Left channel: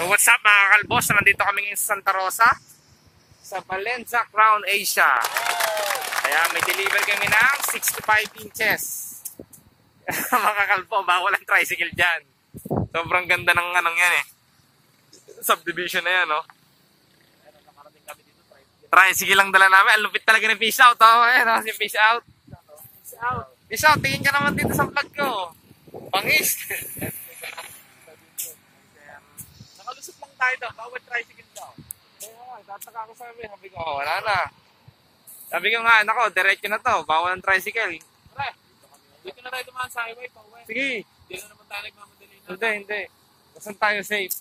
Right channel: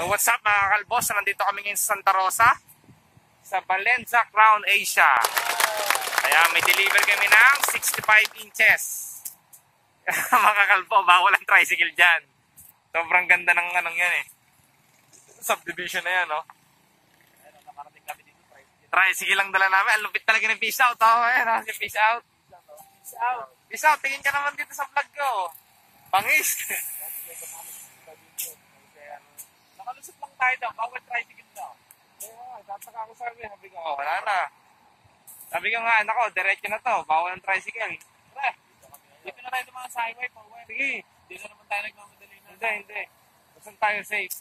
So what's up mga kalbos, nandito kami ngayon sa Santa Rosa sa Valenza Crown Asia. Kaya may deliver kami ng 65 inches. Mga kalbo, bawal ang tricycle dyan. Sobrang ganda ng anong yan eh. Subdivision na yan, no? Tricycle lang dala namin. Ang lupit talaga ng fish out. Oh, eh, no? Si fish out. Fish out. Fish out, tingin ka naman dito sa vlog ko. Pangis. Nakalusot lang tayo daw. Bawal tricycle daw. Kaya tataka ko sabi ko, oh, wala na. Sabi ko nga, nako, diretso na to. Bawal ang tricycle. Pre, dito na tayo dumaan sa highway pa. Sige. Hindi na naman tayo nagmamadali na. Hindi. Basta tayo safe.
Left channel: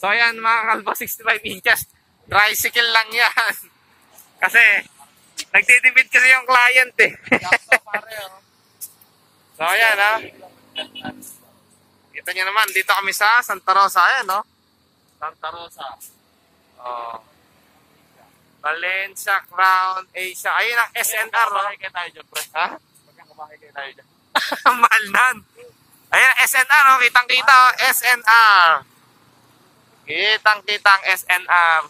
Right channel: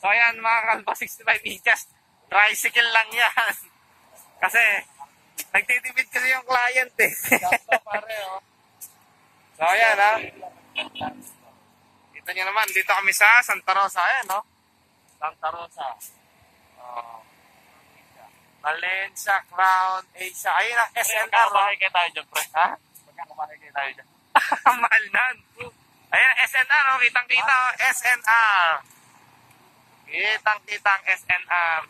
So ayan mga kalbo, 65 inches. Tricycle lang yan. Kasi, nagtitipid kasi yung client eh. So ayan ha. Kita nyo naman, dito kami sa Santa Rosa. Ayan no. Santa Rosa. Oh. Valenza Crown Asia. Ayun ang SNR no. Makikita tayo dyan pre. Ha? Makikita tayo dyan. Mahal nan. Ayan SNR no. Kitang kita SNR. Kitang kitang SNR.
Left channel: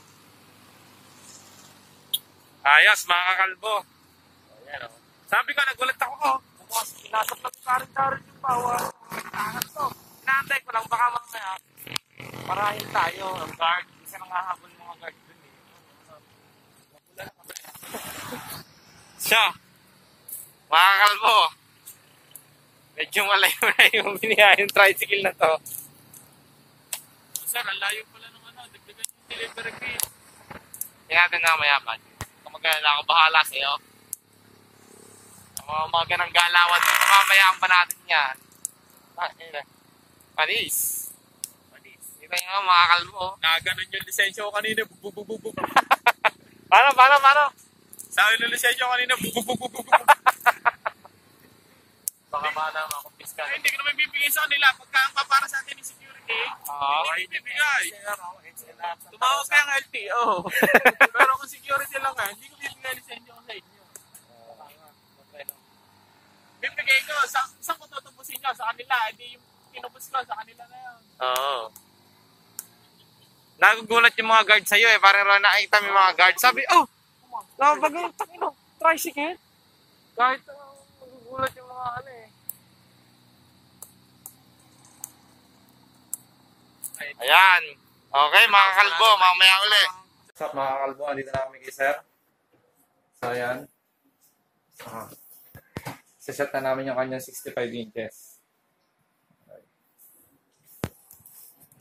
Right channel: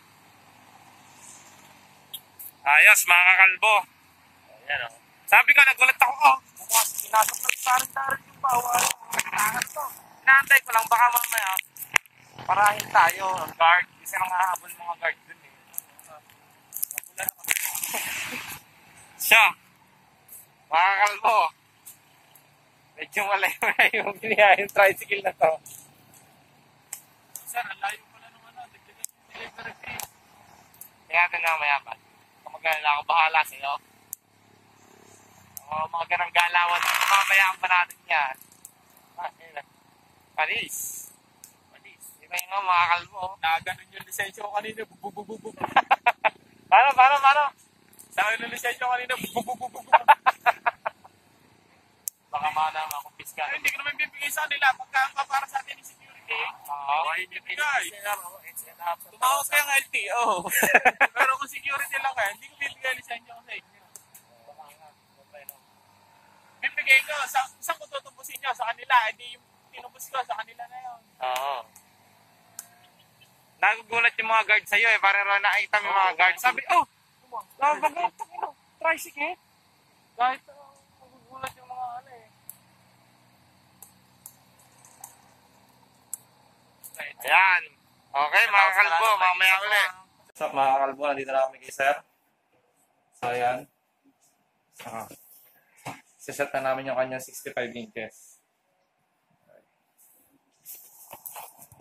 Ayos mga kakalbo. Ayan o. Sabi ko nagulat ako ko. Sinasapag-tarin yung power. Inaantay ko lang baka mamaya parahin tayo ang guard. Kasi nang hahabol mga guard dun eh. Napula na kami. Siya. Mga kakalbo. Medyo malayo na yung biniyayang tricycle na to. Sir, ang layo pala ng ano. Dagdagan yung delivery fee. Kaya natin na mayaman. Kamagana ako bahala sa'yo. Ang mga ganang galawan. Mamayaan pa natin yan. Panis. Kita nyo mga kalbo. Nakaganon yung lisensya ko kanina. Bububububub. Paano? Sa akin yung lisensya ko kanina. Bububububub. Baka mana makumpis ka. Hindi ko naman bibigay sa kanila. Pagka ang papara sa atin yung security. Hindi bibigay. Tumawag ka yung LTO. Pero kung security lang ka, hindi ko bibigay lisensya ko sa inyo. Bibigay ko. Saan ko tutubusin nyo? Sa kanila. Hindi yung tinubos ko. Sa kanila na yun. Oo. Nagugulat yung mga guard sa'yo eh. Parang nakita yung mga guard. Sabi, oh! Nagugulat yung tricycle. Kahit nagugulat yung mga ano eh. Ayan. Okay, mga kalbo, mamaya uli. What's up mga kalbo, nandito na kami kay sir. So ayan. Siset na namin yung kanyang 65 inches.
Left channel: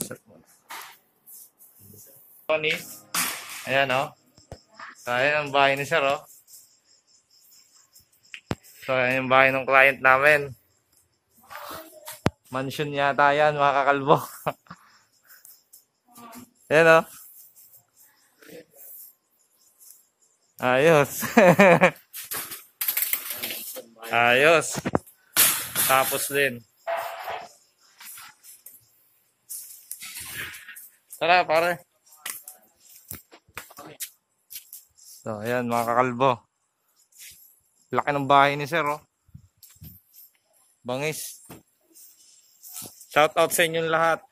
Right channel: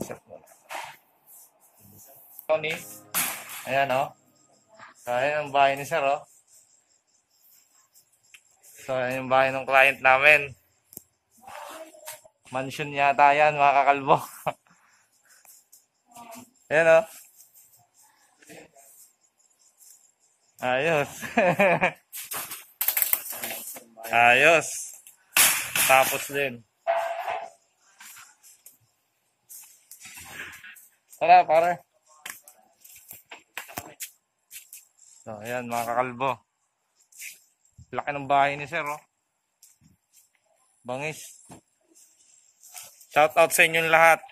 Set muna. Tony. Ayan o. So ayan ang bahay ni sir o. So ayan yung bahay ng client namin. Mansion yata yan mga kakalbo. Ayan o. Ayos. Ayos. Tapos din. Tara pare. So ayan mga kakalbo. Laki ng bahay ni sir oh. Bangis. Shout out sa inyong lahat.